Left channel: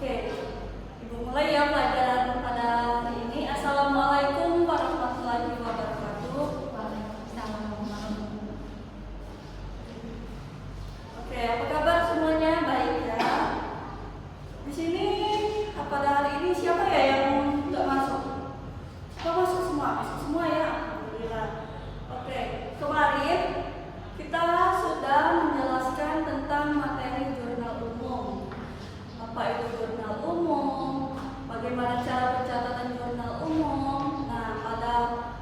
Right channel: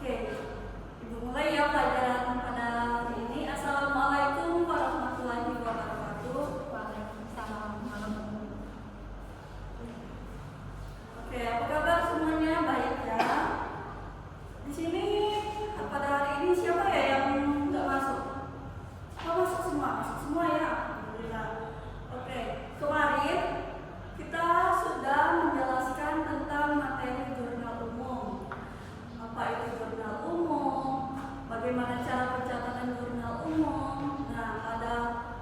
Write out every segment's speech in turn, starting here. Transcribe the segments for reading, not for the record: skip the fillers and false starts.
Oke, Ibu mulai ya pelajaran pada hari ini. Assalamualaikum warahmatullahi wabarakatuh. Waalaikumsalam warahmatullahi wabarakatuh. Oke, apa kabar semuanya? Baik ya. Di sini pada hari ini siapa ya yang nggak masuk? Oh, masuk semua, masuk semua ya. Alhamdulillah. Oke, kemarin kita sudah menjelaskan tentang materi jurnal umum. Apa itu jurnal umum? Bagaimana cara pencatatan jurnal umum? Nah, pada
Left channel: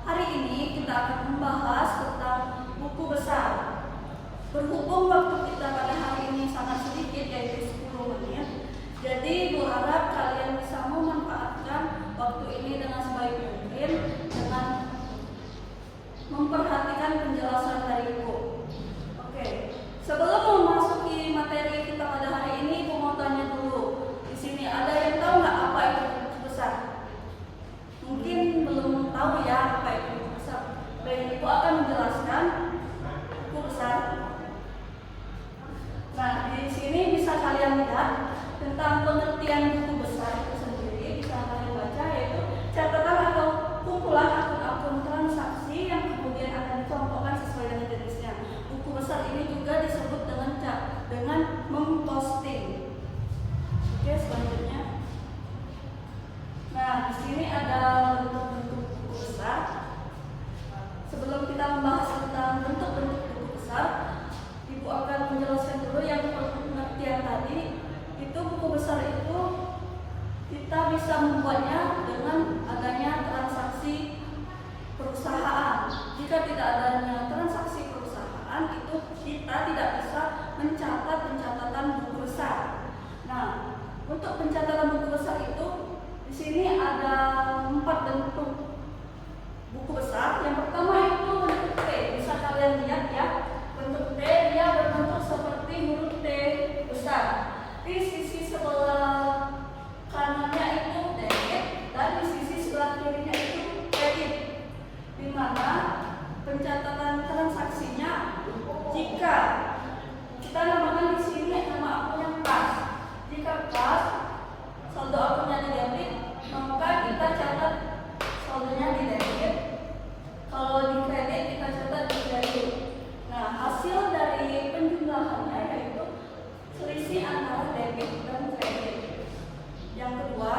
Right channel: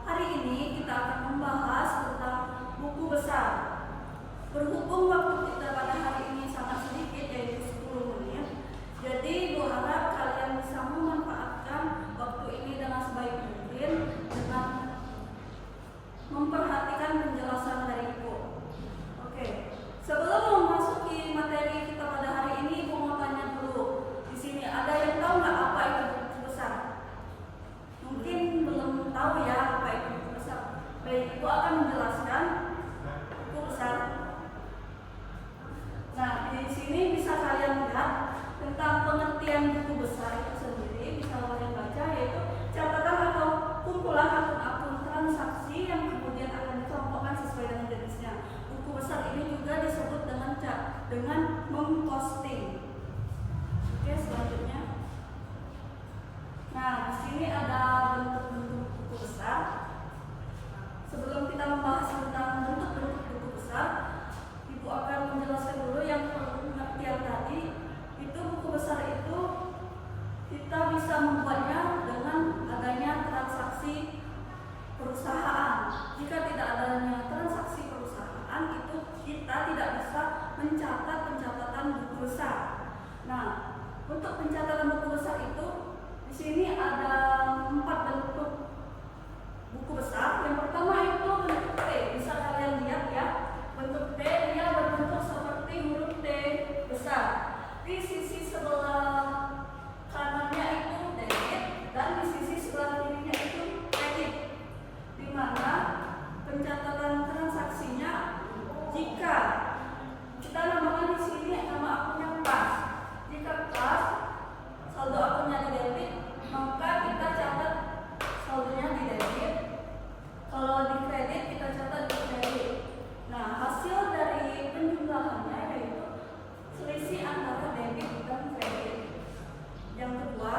hari ini kita akan membahas tentang buku besar. Berhubung waktu kita pada hari ini sangat sedikit, yaitu 10 menit, jadi Ibu harap kalian bisa memanfaatkan waktu ini dengan sebaik mungkin dengan memperhatikan penjelasan dari Ibu. Oke, sebelum memasuki materi kita pada hari ini, Ibu mau tanya dulu. Di sini ada yang tahu nggak apa itu buku besar? Mungkin belum tahu ya apa itu buku besar. Baik, Ibu akan menjelaskan buku besar. Nah, di sini bisa kalian lihat tentang pengertian buku besar itu sendiri. Bisa kalian baca, yaitu catatan atau kumpulan akun-akun transaksi yang kemudian akan dicontohkan sesuai dengan jenisnya. Buku besar ini juga disebut dengan memposting. Oke, selanjutnya. Nah, di sini ada bentuk-bentuk buku besar. Sebelum kita membahas tentang bentuk-bentuk buku besar, Ibu akan menjelaskan dulu yang pengertian tadi. Itu buku besar itu kita bisa membuatnya dengan adanya transaksi perusahaan. Jika tidak adanya transaksi perusahaan, itu kita tidak bisa mencatat pencatatan buku besar. Nah, untuk pencatatan buku besar itu di sini ada 4 bentuk buku besar. Yang pertama itu bentuk T. Bisa kalian lihat ya. Bentuk T dia berbentuk seperti huruf T besar. Di sisi sebelah kanannya itu debit dan di sisi sebelah kirinya itu kredit. Di mana pencatatan transaksinya jika kita namakan di sini nama akunnya kas. Jika kas, saldo akunnya di debit, maka kita catat saldonya di debit. Kalau di kredit kita catat di kredit. Nah, hasil dari penjumlahannya yaitu selisih antara debit dan kredit. Yang kedua,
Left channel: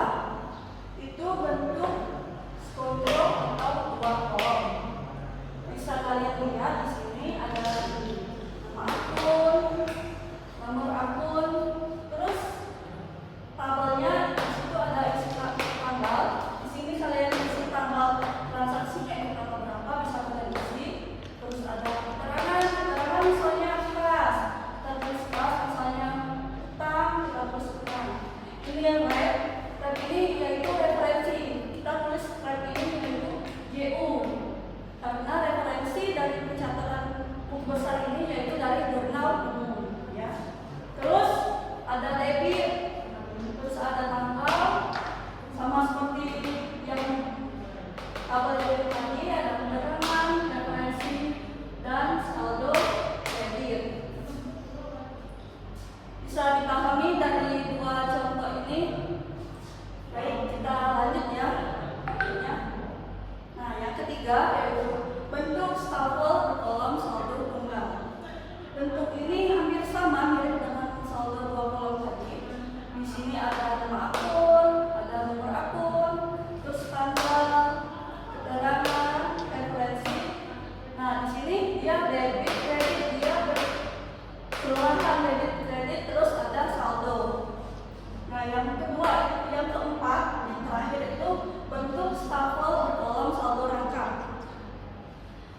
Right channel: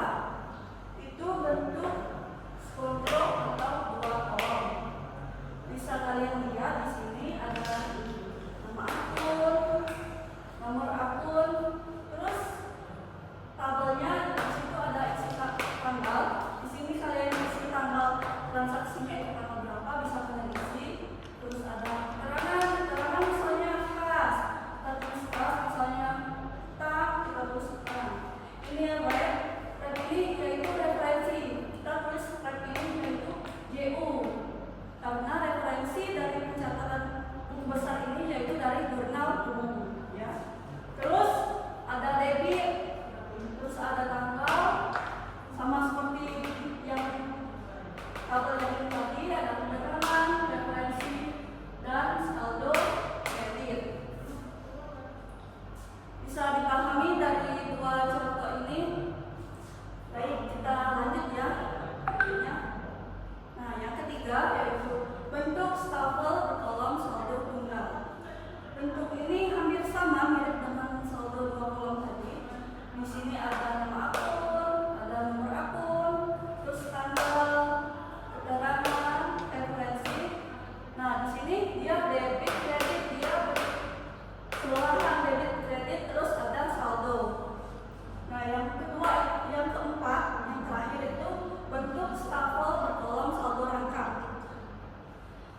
itu bentuk skontrol atau 2 kolom. Bisa kalian lihat di sini ada nama akun, nomor akun, terus tabelnya di situ ada isi tanggal. Di sini kalian isi tanggal transaksinya itu tanggal berapa, bisa kalian isi. Terus ada keterangan misalnya kas, kita tulis kas, misalnya utang, kita tulis utang. Ini yang baik, dan ini yaitu referensi. Kita tulis referensi ini yaitu JU, karena referensi dari pencatatan buku besar ini yaitu dari jurnal umum. Ya. Terus ada debit, terus ada tanggal, sama seperti yang tabel debit tadi, ada penerangan, referensi, dan saldo kredit. Bisa dipahami dari 2 contoh ini. Baik, kita lanjut ya. Nah, yang ketiga yaitu bentuk stafel berkolom saldo tunggal. Bentuk ini hampir sama mirip dengan saldo 2 kolom tadi. Di sini ada nama akun, ada nomor akun, terus tanggal, keterangan, referensi. Nah, di sini dia debit, kredit, dia keseluruhan debit, kredit, terus ada saldo. Nah, yang keempat, yang terakhir itu bentuk stafel berkolom saldo rangkap.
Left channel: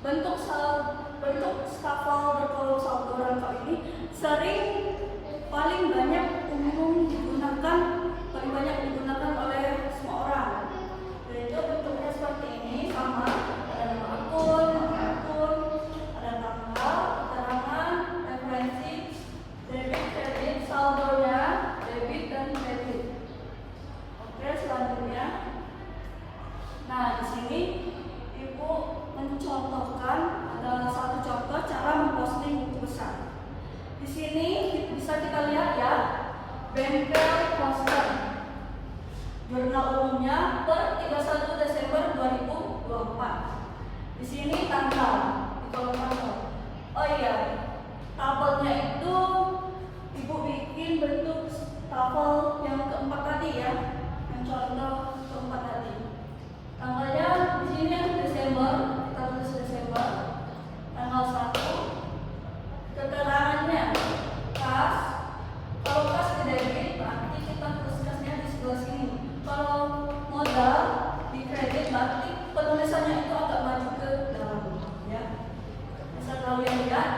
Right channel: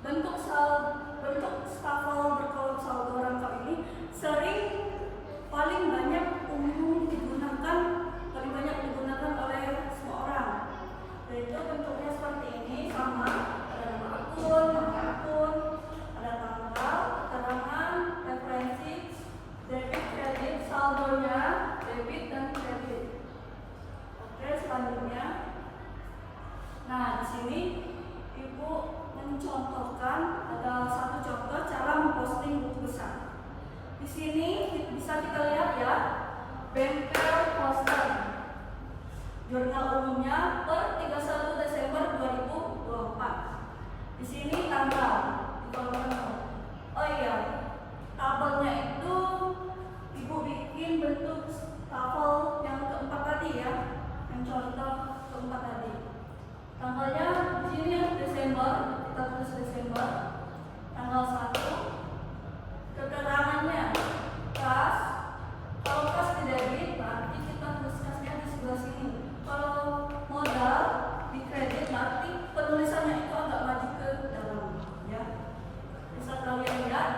Bentuk stafel berkolom saldo rangkap ini paling banyak digunakan oleh semua orang. Yaitu bentuknya seperti ini, sama, ada nama akun, ada tanggal, keterangan, referensi, debit, kredit, saldonya, debit dan kredit. Oke, selanjutnya. Nah, di sini Ibu mencontohkan ada 1 contoh cara memposting buku besar. Di sini bisa kita lihat ya, banker poster. jurnal umumnya per 31 Desember 2024. Di sini tanggal di kolom tanggal. Oh iya, tabelnya itu Ibu bikin bentuk tabel yang keempat tadi ya, yang contoh keempat tadi. Tanggalnya di sini Desember, kita tulis Desember, tanggal 1. Keterangannya kas, kalau kas ke debit berarti kita tulis kasnya di sebelah sini. Kalau modal di kredit berarti penulisannya itu agak maju ke dalam ya. Bisa kalian lihat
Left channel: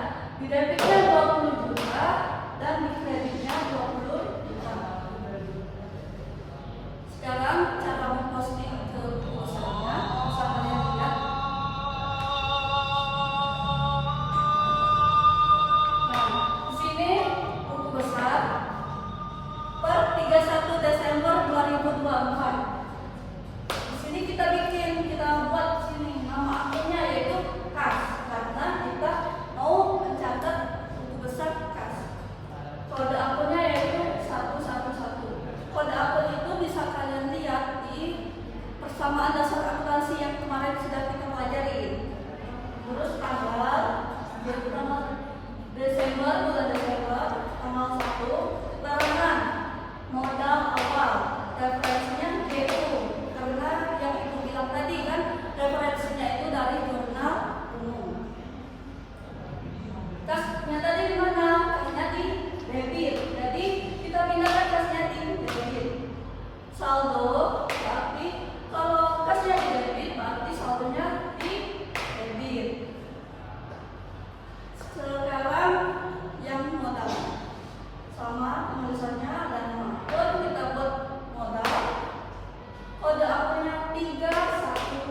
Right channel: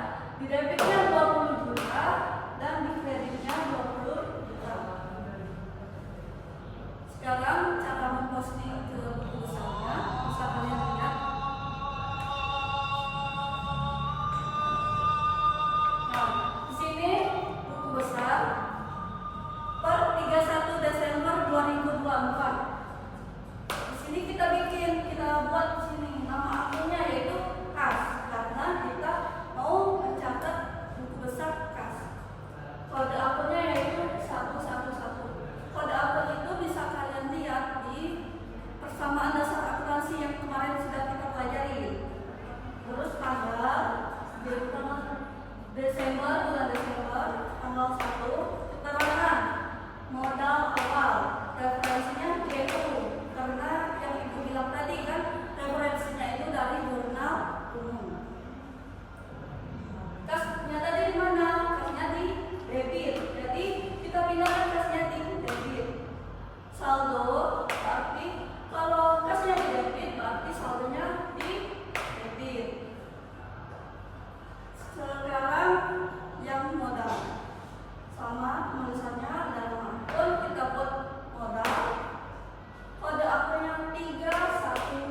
di debitnya 20 juta dan di kreditnya 20 juta. Sekarang cara memposting ke perusahaannya bisa kalian lihat. Nah, di sini buku besar per 31 Desember 2024. Di sini kita buat di sini nama akunnya yaitu kas karena kita mau mencatat buku besar kas. Kode akunnya yaitu 111. Kode akun itu bisa kalian lihat di persamaan dasar akuntansi yang kemarin sudah kita pelajari. Terus tanggal Desember, bulan Desember, tanggal 1, keterangan modal awal, referensinya GU, karena yang Ibu bilang tadi kan referensinya itu dari jurnal umum. Kasnya tadi di mana? Kasnya di debit. Jadi kita pindahkan kasnya di debit. Saldo berarti kalau kasnya di debit berarti saldonya di debit. Sekarang yang modal sama tulisannya dan akun kita buat modal. Kode akunnya 311.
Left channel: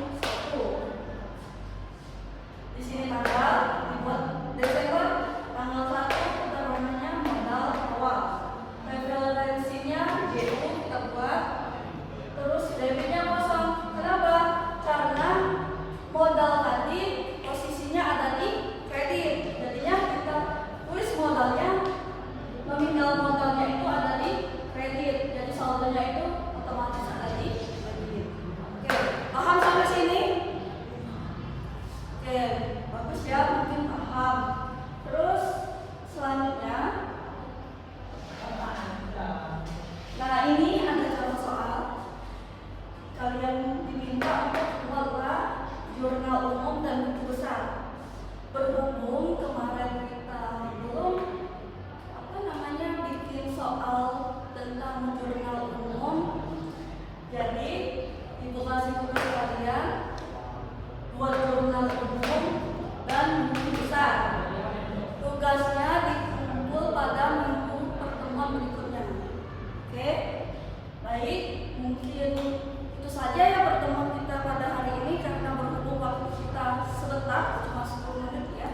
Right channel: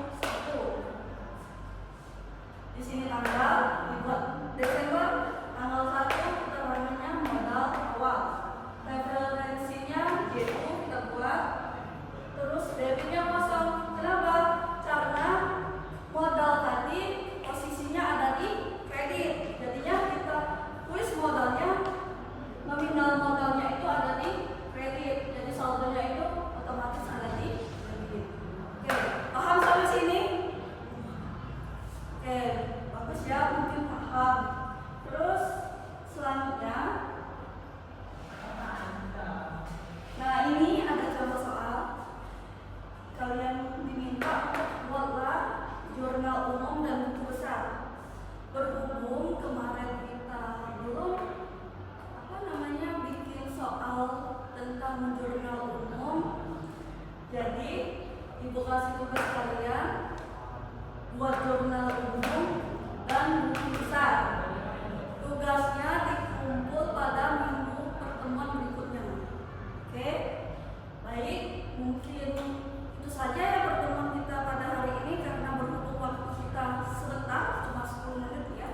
Di sini tanggal dibuat Desember, tanggal 1 keterangannya modal awal. Referensinya GU kita buat. Terus debitnya kosong. Kenapa? Karena modal tadi posisinya ada di kredit. Jadinya kita tulis modalnya, nominal modalnya itu ada di kredit. Jadi saldonya itu otomatis ada di debit. Oke, paham sampai sini? Oke, bagus ya, mungkin paham. Terus selanjutnya, nah ini ada contoh soal. Kalian diminta untuk buatlah jurnal umum dan buku besar. Berhubung kemarin kita belum bikin soal tentang jurnal umum, jadi Ibu kasih tugas kalian buat jurnal umum dan buku besar. Tugasnya dikumpul pada minggu pertemuan berikutnya. Oke, baik, mungkin itu saja ya pertemuan kita pada hari ini karena berhubung waktu kita sebentar, cuma 10 menit ya.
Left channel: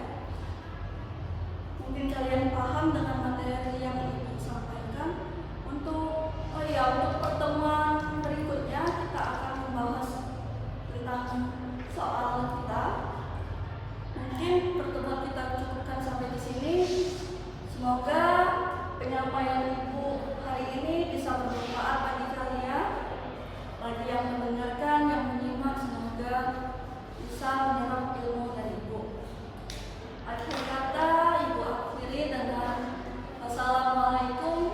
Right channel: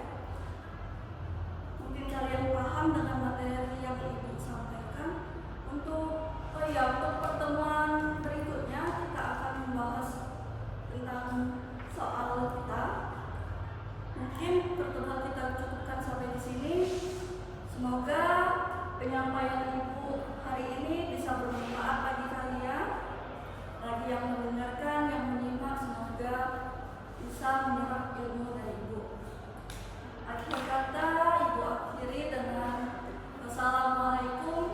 Mungkin kalian paham dengan materi yang Ibu sampaikan. Untuk pertemuan berikutnya kita akan membahas tentang soal kita. Mungkin pertemuan kita cukupkan sampai di sini. Semoga penyampaian Ibu hari ini bisa bermanfaat bagi kalian, bagi yang mendengarkan, yang menyimak, semoga bisa menyerap ilmu dari Ibu. Akhir kata Ibu akhiri dengan wassalamualaikum